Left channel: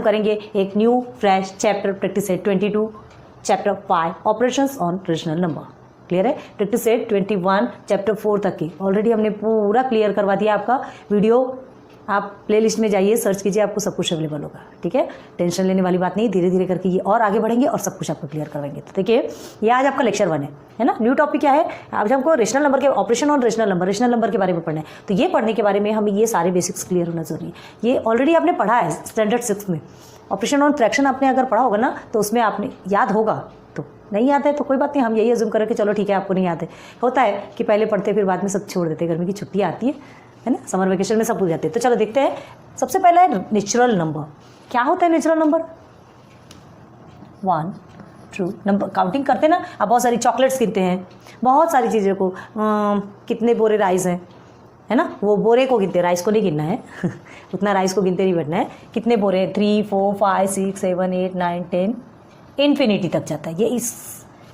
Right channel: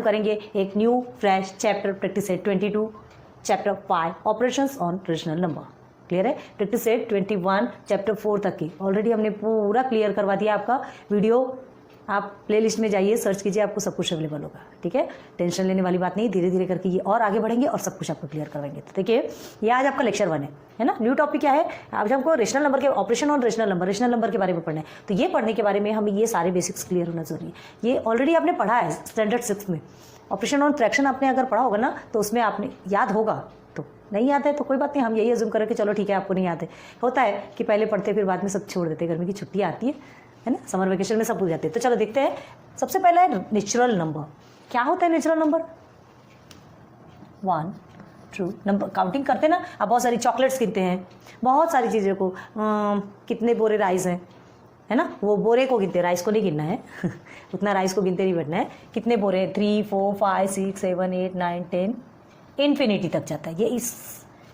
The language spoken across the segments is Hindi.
हम करेंगे एक new fresh chapter practice set 22 chapter 5 operations on rational number. Clear है? प्रैक्टिस सेट 21 चैप्टर 4 तक की ऑलरेडी हमने पूरा क्लियर करवा दिया। आपका वीडियो आप प्लेलिस्ट में जाइए, सर्च कीजिए, आपको सब कुछ अवेलेबल होगा। ठीक है, टेंशन लेने वाली बात नहीं, धीरे धीरे करके ये और आगे बढ़ेंगे और सब कुछ आपको क्लियर करवाएंगे। तो देखिए, ये आज आपका लेक्चर 1 है ना। न्यू टॉपिक क्या है? आज हमको रेशनल नंबर के ऑपरेशन ऑन रेशनल नंबर के बारे में पढ़ना है। तो ये पढ़ने के बारे में हमें ये सारे बेसिक्स क्लियर होना जरूरी है। ये ऑलरेडी आपने पढ़ा है स्टैंडर्ड 6 में। ऑपरेशन ऑन फ्रैक्शन आपने अगर पढ़ा होगा ना तो उसमें आपने याद होगा। तो नहीं याद है तो कोई बात नहीं, हम यही अज्यूम करें कि चलो ठीक है आपको नहीं याद है। होता है कि पहले पढ़ते फिर बाद में सब छोड़ देते, गर्मी की छुट्टी आती है ना, समर वेकेशन में सब भूल जाते हैं। तो चलो देखते हैं। सबसे पहला है नेचुरल नंबर। क्या होता है natural number? 1 true number counting करते हैं ना, आप बहुत सारी चॉकलेट्स गिनते हैं, बहुत सारी चीज़ों को, कितने बोरे राइस हैं, है ना, वो बोरे को गिनते हैं, राइस को नहीं गिनना है उतना राइस को गिनते नहीं बैठना है। कितने बोरे? 3 4 5 6 7 8 9 10 इन्फिनिटी तक जाता है। ये इस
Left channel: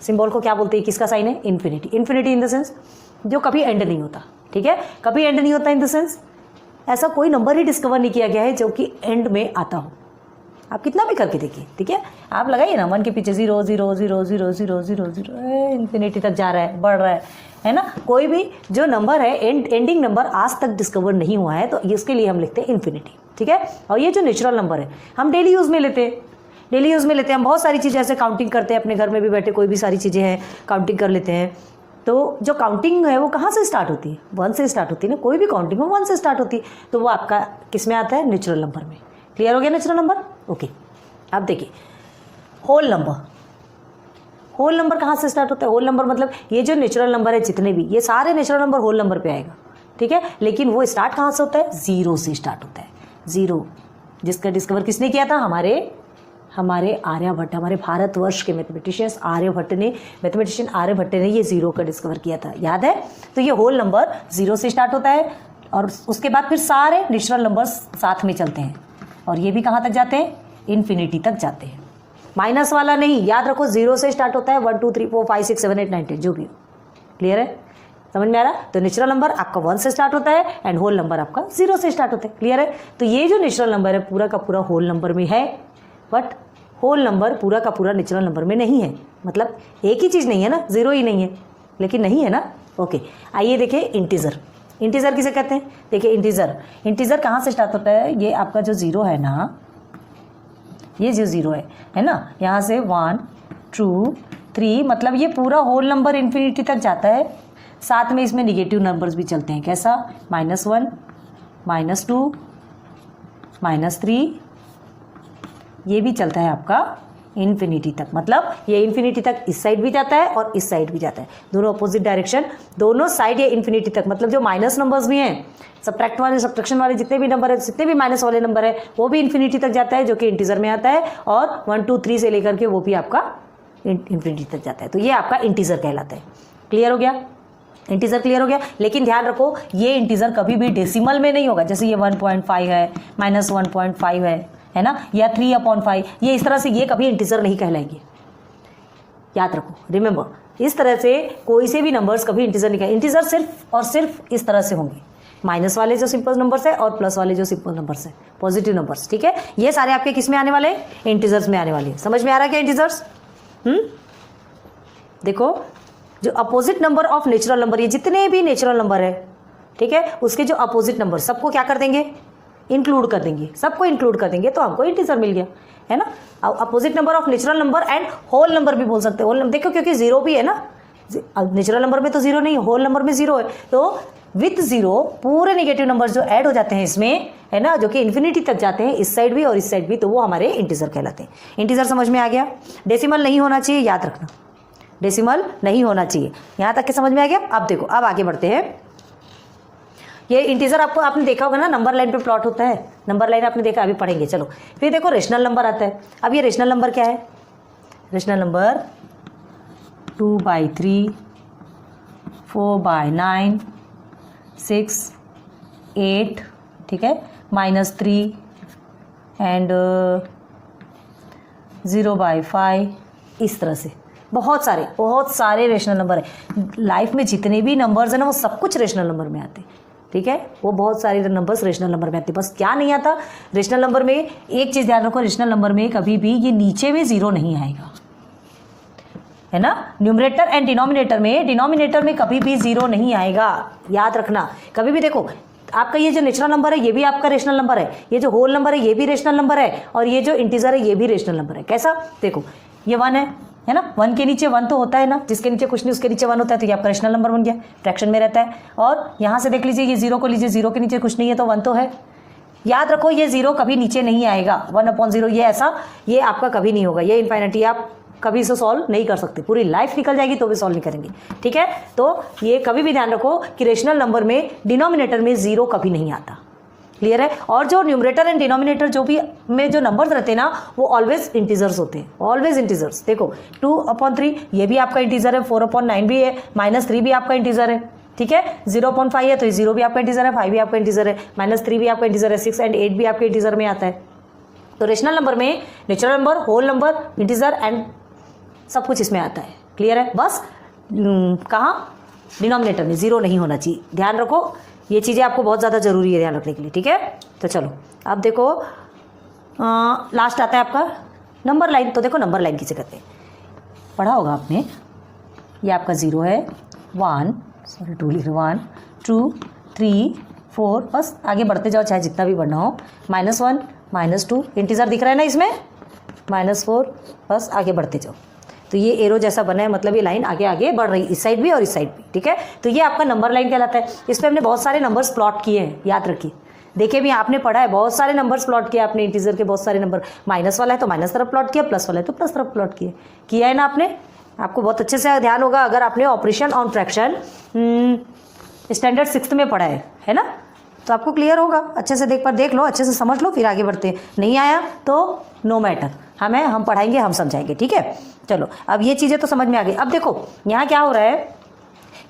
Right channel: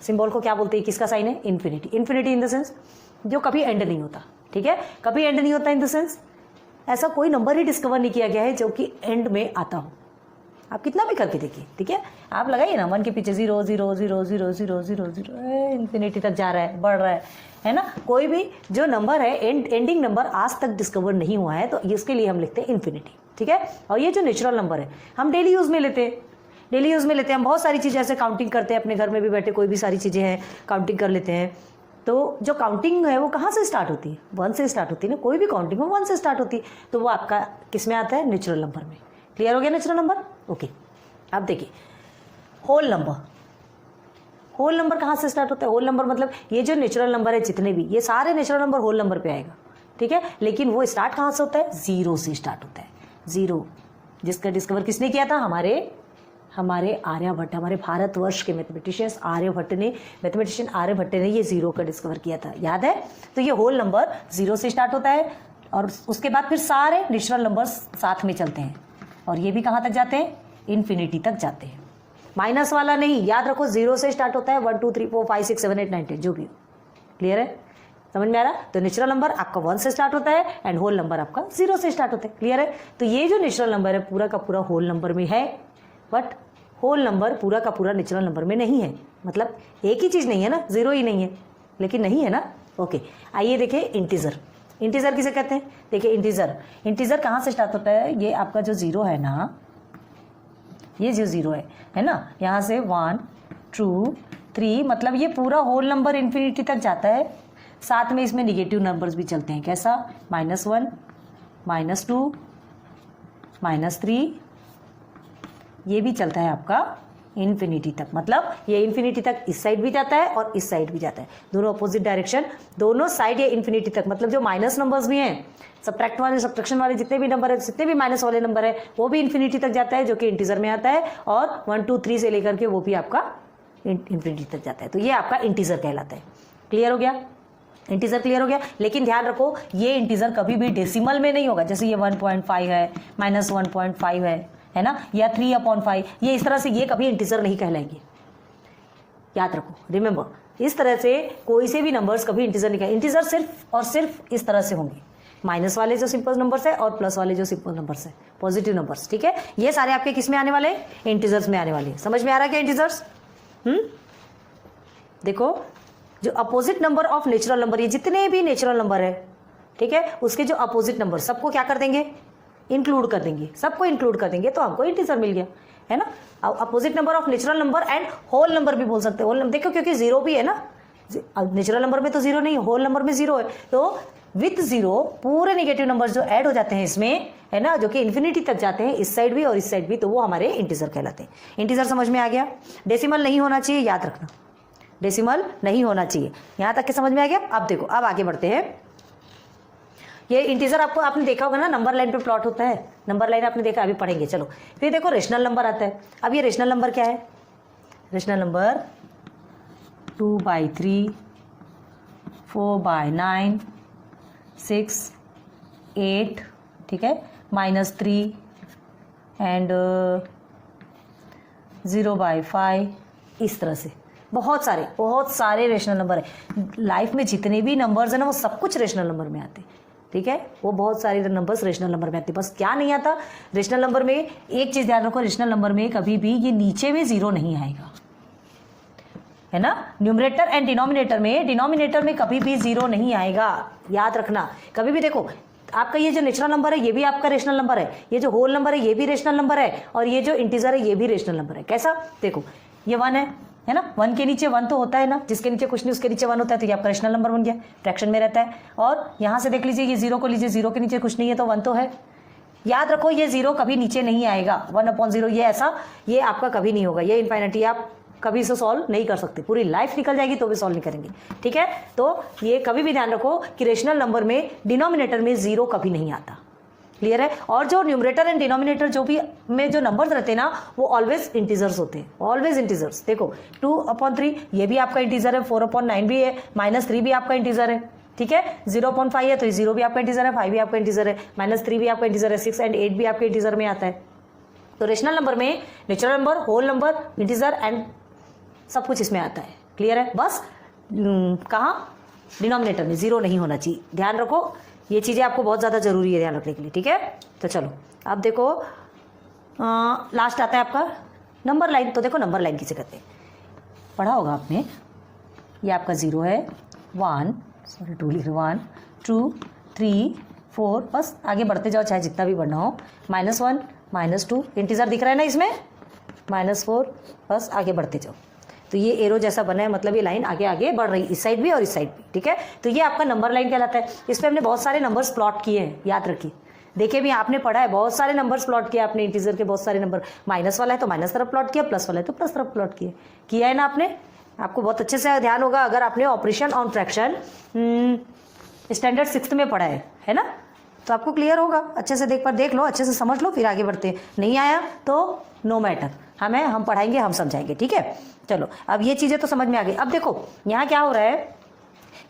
सिंबल को क्या बोलते हैं? किसका साइन है? Infinity. Infinity in the sense जो कभी एंड नहीं होता। ठीक है, कभी एंड नहीं होता इन द सेंस ऐसा कोई नंबर ही डिस्कवर नहीं किया गया है जो कि एंड में आता हो। आप कितना भी करके देखिए, ठीक है, आप लगाइए ना 1 के पीछे 0 0 0 0 0 0 0 इन्फिनिटी तक जा रहा है, बढ़ रहा है ना। कोई भी जो नंबर है एंडिंग नंबर आज तक डिस्कवर नहीं हुआ है, तो इसके लिए हम लिखते हैं इन्फिनिटी। ठीक है, और ये जो नेचुरल नंबर है हम डेली यूज़ में लेते हैं, हम बहुत सारी चीज़ें ऐसे काउंटिंग करते हैं, अपने घर में भी बैठे कोई भी सारी चीज़ें हैं काउंटिंग कर लेते हैं। तो जो काउंटिंग है वो कहाँ से स्टार्ट होती है? 1 से स्टार्ट होती है ना, कोई भी काउंटिंग हो 1 से स्टार्ट होती है। तो वो आपका किस में आता है? नेचुरल नंबर में। क्लियर हो गया नेचुरल नंबर? ओके, अब देखिए होल नंबर कहाँ से स्टार्ट होता है? होल नंबर मतलब ये जो नेचुरल नंबर है जितने भी, ये सारे नेचुरल नंबर होल नंबर पे आएगा। ठीक है, लेकिन वो स्टार्ट कहाँ से होता है? 0 से स्टार्ट होता है। 0 जिसका डिस्कवर किसने किया था? हमारे आर्यभट्ट, हमारे भारतवर्ष के मैथमेटिशियन आर्यभट्ट ने ये 0 का डिस्कवर किया था। याद है? तो ये होल नंबर 0 से स्टार्ट होता है और उसके बाद फिर सारे नेचुरल नंबर्स साथ में चलते हैं और ये भी कहाँ तक जाते हैं? इन्फिनिटी तक जाते हैं। माइनस वाला नहीं, याद रखो 0 से स्टार्ट होता है। 1 2 3 4 5 6 7 8 9 10 जो भी हो। क्लियर है? समझ में आ रहा? तो नेचुरल नंबर आपका 1 से स्टार्ट होता है एंड होल नंबर आपका 0 से स्टार्ट होता है। क्लियर है? तो ये जो नेचुरल नंबर है पूरा का पूरा होल नंबर में है, बट होल नंबर पूरा का पूरा नेचुरल नंबर में नहीं है। मतलब एक ही चीज़ नहीं है ना, 0 ही नहीं है, लेकिन नहीं है ना। ओके, आइए देखिए इंटीजर किसे कहते हैं? देखिए इंटीजर कहाँ से स्टार्ट होता है? ये आपका जो 0 है ना, ये जो 0 है ना, यहाँ से 1 2 3 मतलब ये पूरा होल नंबर इन्फिनिटी तक जाता है। साथ में इसमें निगेटिव नंबर्स भी चलते हैं। कैसा? -1 -2 -3 ये भी चलता है आपका इन्फिनिटी तक। मतलब ये इन्फिनिटी तक इस साइड भी जाता है और इस साइड भी जाता है, दोनों अपोजिट डायरेक्शन, दोनों साइड ये इन्फिनिटी तक। मतलब जो माइनस नंबर्स भी हैं, सब्ट्रैक्शन वाले जितने भी नंबर है, जितने भी माइनस वाले नंबर है, वो भी इन्फिनिटी तक जाता है, जो कि इंटीजर में आता है। और 1 2 3 से लेकर के वो भी आपका इन्फिनिटी तक जाता है। तो ये आपका इंटीजर कहलाता है। क्लियर हो गया? इंटीजर क्लियर हो गया। लेकिन ध्यान रखो ये इंटीजर कभी भी डेसिमल में नहीं होगा। जैसे ये 1.5 है, -1.5 है ना, या 3/5, ये इस तरह से ये कभी इंटीजर नहीं कहलाएंगे। याद रखो, रिमेंबर, इस तरह से कोई से भी नंबर्स कभी इंटीजर नहीं कहलाएंगे। इंटीजर सिर्फ और सिर्फ इस तरह से होंगे, माइनस वाले जो सिंपल नंबर्स है और प्लस वाले जो सिंपल नंबर्स है, पॉजिटिव नंबर्स। ठीक है, ये सारे आपके किस में आने वाले? इंटीजर्स में आने वाले। समझ में आ रहा है क्या इंटीजर्स? देखो, जो opposite number of natural number, ये जितने भी नेचुरल नंबर है, ठीक है, उसके जो अपोजिट नंबर सबको क्या कर देंगे? इंक्लूड कर देंगे, सबको इंक्लूड कर देंगे, तो हमको इंटीजर मिल गया, है ना। Opposite number of natural number and whole number भी बोल सकते हैं। होल नंबर देखो, क्योंकि 0 भी है ना, नेचुरल नंबर में तो 0 नहीं, होल नंबर में 0 है, तो विथ 0 पूरे नेगेटिव नंबर जो ऐड हो जाते हैं इसमें, है ना, जो कि इन्फिनिटी तक जाते हैं, इस साइड भी और इस साइड भी, तो वो हमारे इंटीजर कहलाते हैं। इंटीजर समझ में आ गया? डेसिमल नहीं होना चाहिए, याद रखना, डेसिमल नहीं होना चाहिए। यहाँ तक के समझ में आ गया? अब देखो, अब आगे बढ़ते हैं। ये इंटीजर आपने देखा होगा ना, नंबर लाइन पे प्लॉट होता है, नंबर लाइन आपने देखा, अभी पढ़ेंगे। चलो फिर देखो रेशनल नंबर आता है। अब ये रेशनल नंबर क्या है? रेशनल नंबर 2/3, 4/9, 6, 8, ठीक है, -3 एंड 0/5, इस तरह से बहुत सारे रेशनल नंबर है। लाइफ में जितने भी नंबर्स हैं ना, वो सब कुछ रेशनल नंबर में आते हैं। ठीक है, वो बहुत सारे नंबर्स रेशनल नंबर में आते हैं। बस क्या नहीं आता रेशनल नंबर में, एक चीज ध्यान रखो, रेशनल नंबर में कभी भी ये नीचे में जीरो नहीं आएगा, है ना। न्यूमरेटर एंड डिनोमिनेटर में कभी भी जीरो नहीं आएगा, याद रखना। कभी भी देखो, आपका ये जो नेचुरल नंबर है ये भी आपका रेशनल नंबर है, ये जो होल नंबर है ये भी रेशनल नंबर है, और ये जो इंटीजर है ये भी रेशनल नंबर है। कैसा, देखो ये 1 है ना, 1 के नीचे 1 तो होता है ना, जिसके नीचे कुछ नहीं उसके नीचे 1 होता है, तो ये आपका रेशनल नंबर बन गया, फ्रैक्शन में रहता है। और यहाँ से देख लीजिए, ये 0 को लीजिए, 0 के नीचे कुछ नहीं है तो 1 तो है। याद रखो ये 0 कभी नीचे नहीं आएगा, 1/0 ये ऐसा, ये आपका कभी नहीं होगा, ये इन्फिनिटी, आप कभी इसे सॉल्व नहीं कर सकते, पूरी लाइफ निकल जाएगी तो भी सॉल्व नहीं करेंगे, ठीक है। तो ये कभी भी ध्यान रखो कि रेशनल नंबर में डिनोमिनेटर में 0 कभी नहीं आता, क्लियर है। और जो न्यूमरेटर एंड डिनोमिनेटर जो भी में जो नंबर्स रहते हैं ना, वो ऑलवेज इंटीजर्स होते हैं, ऑलवेज इंटीजर्स। देखो 2/3 ये भी आपका इंटीजर है, 4/9 भी है, -3 भी आपका इंटीजर है, ठीक है। 0.5 है तो ये 0 भी आपका इंटीजर है, 5 भी आपका इंटीजर है, -3 भी आपका इंटीजर है, 6 एंड 8 भी आपके इंटीजर में आता है। तो रेशनल नंबर में natural number, whole number, integer and सब कुछ इसमें आता है, क्लियर है। बस कहाँ, डिनोमिनेटर में 0 नहीं होना चाहिए, ध्यान रखो, ये चीज़ें आपको बहुत ज़्यादा जरूरी है ध्यान रखने के लिए, ठीक है। तो चलो अब देखो लास्ट आता है आपका नंबर लाइन। तो देखो नंबर लाइन किसे कहते हैं, पढ़ा होगा आपने, ये आपका 0 है, 1 2 3 4, बस आगे बढ़ते जाओ चाहे जितना भी बढ़ना हो, -1 -2 इंटीजर दिख रहा है ना इसमें, -4, बस आगे बढ़ते जाओ। तो ये एरो जैसा बना है, मतलब ये लाइन आगे आगे बढ़ रही है, इस साइड भी और इस साइड भी, ठीक है। तो ये आपका नंबर लाइन कहलाता है। इस पर हमने बहुत सारे नंबर्स प्लॉट किए हैं, याद रखिए, देखिए भी आपने पढ़ा है, बहुत सारे नंबर्स प्लॉट किए आपने, इंटीजर के बहुत सारे नंबर, माइनस वाला है तो माइनस तरफ प्लॉट किया, प्लस वाला है तो प्लस तरफ प्लॉट किया है ना आपने। आपको बहुत अच्छे से ध्यान होगा अगर आपने operation on fraction standard 6th में पढ़ा है ना, तो आपको क्लियर होगा। अच्छे से देख लो, अच्छे से समझ लो, फिर आगे बढ़ते हैं। नहीं आया तो नो मैटर, हम पढ़ाएंगे, हम समझाएंगे, ठीक है। चलो अब ये चीज़ें तो समझ में आ गई। अब देखो यहाँ क्या हो रहा है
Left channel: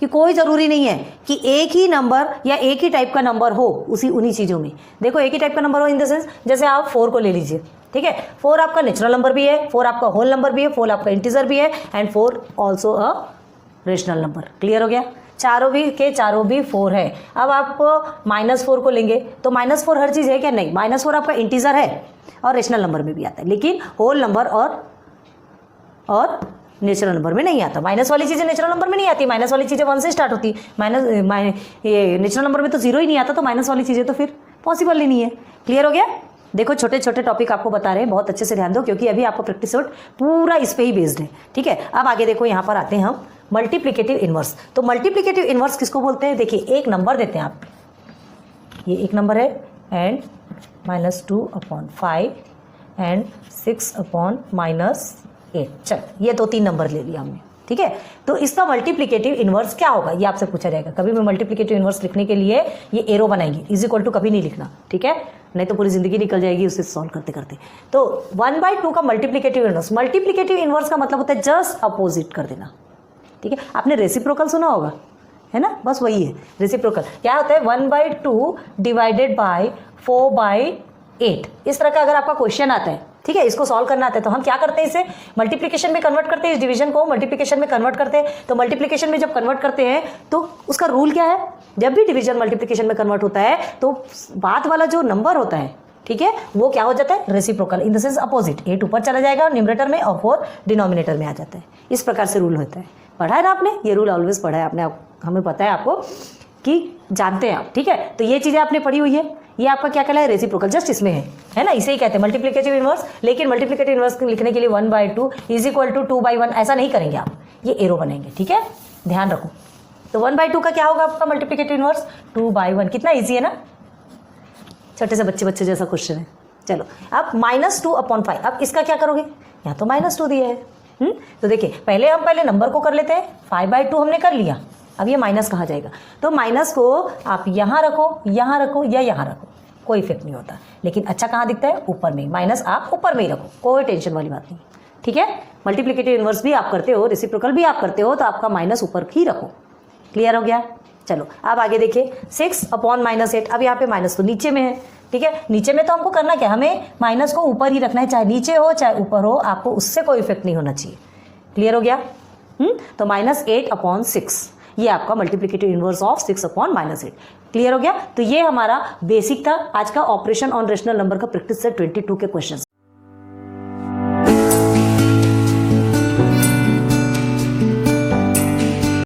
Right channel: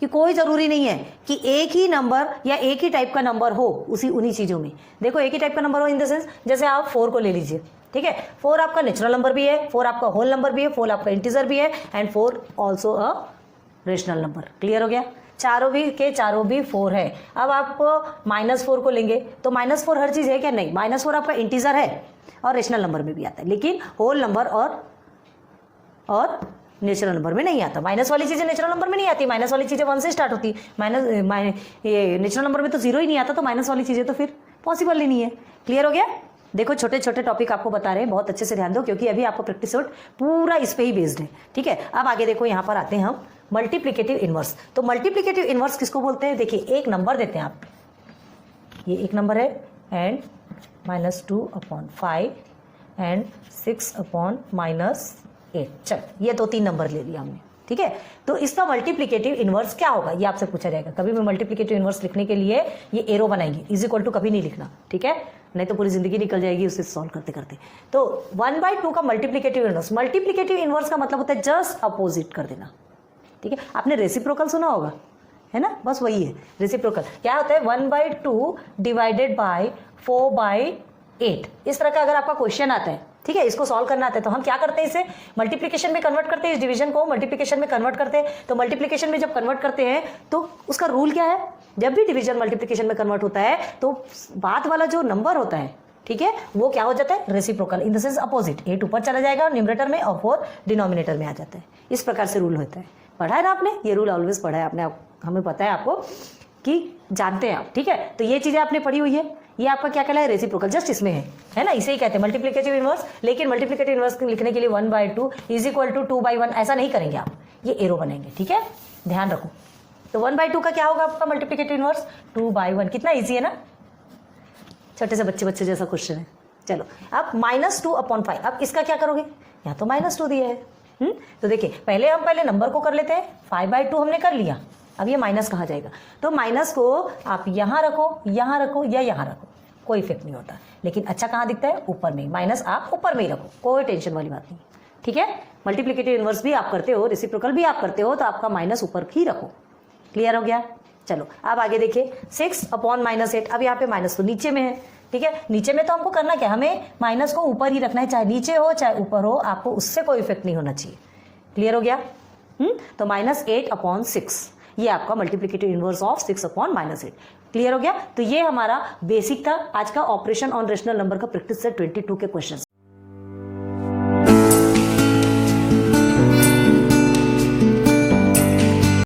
कि कोई ज़रूरी नहीं है कि एक ही नंबर या एक ही टाइप का नंबर हो उन्हीं चीज़ों में। देखो एक ही टाइप का नंबर हो इन द सेंस, जैसे आप 4 को ले लीजिए, ठीक है। 4 आपका नेचुरल नंबर भी है, 4 आपका होल नंबर भी है, 4 आपका इंटीजर भी है, and 4 also a rational number. Clear हो गया, चारों भी 4 है। अब आप -4 को लेंगे तो -4 हर चीज़ है क्या, नहीं, -4 आपका इंटीजर है और रेशनल नंबर में भी आता है, लेकिन होल नंबर और नेचुरल नंबर में नहीं आता। माइनस वाली चीज़ें नेचुरल नंबर में नहीं आती, माइनस वाली चीज़ें 1 से स्टार्ट होती, ये नेचुरल नंबर में तो 0 ही नहीं आता, तो माइनस वाली चीज़ें तो फिर पॉसिबल ही नहीं है। क्लियर हो गया। देखो छोटे छोटे टॉपिक आपको बता रहे हैं, बहुत अच्छे से ध्यान दो, क्योंकि अभी आपको प्रैक्टिस नोट पूरा इस पे ही बेस्ड है, ठीक है। अब आगे देखो, यहाँ पर आते हैं हम मल्टीप्लिकेटिव इनवर्स। तो मल्टीप्लिकेटिव इनवर्स किसको बोलते हैं, देखिए एक नंबर देते हैं आप, ये एक नंबर है एंड -2/5 एंड 6/-8। चल ये तो 3 नंबर ले लिया हमने, ठीक है। तो इसका मल्टीप्लिकेटिव इनवर्स क्या होगा, ये आपसे पूछा जाएगा। कभी भी मल्टीप्लिकेटिव इनवर्स लिखने के लिए ये एरो बनाएंगे, = कभी नहीं लिखना, ठीक है, नहीं तो पूरी जिंदगी निकल जाएगी उसे सॉल्व करते करते। तो 1/2 का मल्टीप्लिकेटिव इनवर्स का मतलब होता है जस्ट अपोजिट कर देना, ठीक है। आपने रेसिप्रोकल सुना होगा, है ना, बस वही है रेसिप्रोकल। क्या होता है, 1/2 डिवाइडेड बाय 4/8। इस तरह का अगर आपका क्वेश्चन आता है, ठीक है, इसको सॉल्व करना आता है, तो हम क्या करते हैं, इसे मल्टीप्लिकेशन में कन्वर्ट करते हैं, इस डिवीजन को मल्टीप्लिकेशन में कन्वर्ट करते हैं। तो मल्टीप्लिकेशन में जब कन्वर्ट करते हैं तो उसका रूल क्या है, जब भी डिवीजन मल्टीप्लिकेशन में कन्वर्ट होता है तो बाद वाला जो नंबर होता है, ठीक है, वो क्या हो जाता है, reciprocal, in the sense opposite. 8 ऊपर चला जाएगा न्यूमरेटर में और 4 डिनोमिनेटर में आ जाता है। इस प्रकार से रूल होता है, पढ़ा है ना आपने, ये रूल ऑलवेज पढ़ा है आपने, हमें पता है आपको कि जानते हैं आप, ठीक है। तो ये चीजें आपने पढ़ी हुई है, ये आपका क्या कहला है, रेसिप्रोकल, जस्ट इसमें है ना, इसे ही कहते हैं मल्टीप्लिकेटिव इनवर्स। लेकिन मल्टीप्लिकेटिव इनवर्स लिखने के लिए 1/2 = 2/1 ऐसा नहीं करेंगे आप, ये एरो बनेंगे, ठीक है, ध्यान रखो। तो 1/2 का क्या होगा आपका मल्टीप्लिकेटिव इनवर्स, 2/1। कितना ईजी है ना, छोटे से बच्चे जैसा क्वेश्चन है। चलो अब -2/5, अब इसका क्या करोगे, यहाँ तो -2 दिया है, तो देखिए पहले नंबर को कर लेते हैं, 5/2 हमने कर लिया, अब ये माइनस कहाँ जाएगा, तो माइनस को आप यहाँ रखो या यहाँ रखो, कोई इफेक्ट नहीं होता। लेकिन अच्छा कहाँ दिखता है, ऊपर में, माइनस आप ऊपर में ही रखो, कोई टेंशन वाली बात नहीं, ठीक है। मल्टीप्लिकेटिव इनवर्स भी आप करते हो, रेसिप्रोकल भी आप करते हो, तो आपका माइनस ऊपर ही रखो। क्लियर हो गया। चलो अब आगे देखिए, 6/-8। अब यहाँ पे माइनस तो नीचे में है, ठीक है, नीचे में तो हमको करना क्या, हमें माइनस को ऊपर ही रखना है, चाहे नीचे हो चाहे ऊपर हो, आपको उससे कोई इफेक्ट नहीं होना चाहिए। क्लियर हो गया। तो -8/6, ये आपका मल्टीप्लिकेटिव इनवर्स ऑफ 6/-8। क्लियर हो गया? तो ये हमारा बेसिक था आज का ऑपरेशन ऑन रेशनल नंबर का प्रैक्टिस सेट 22 के क्वेश्चन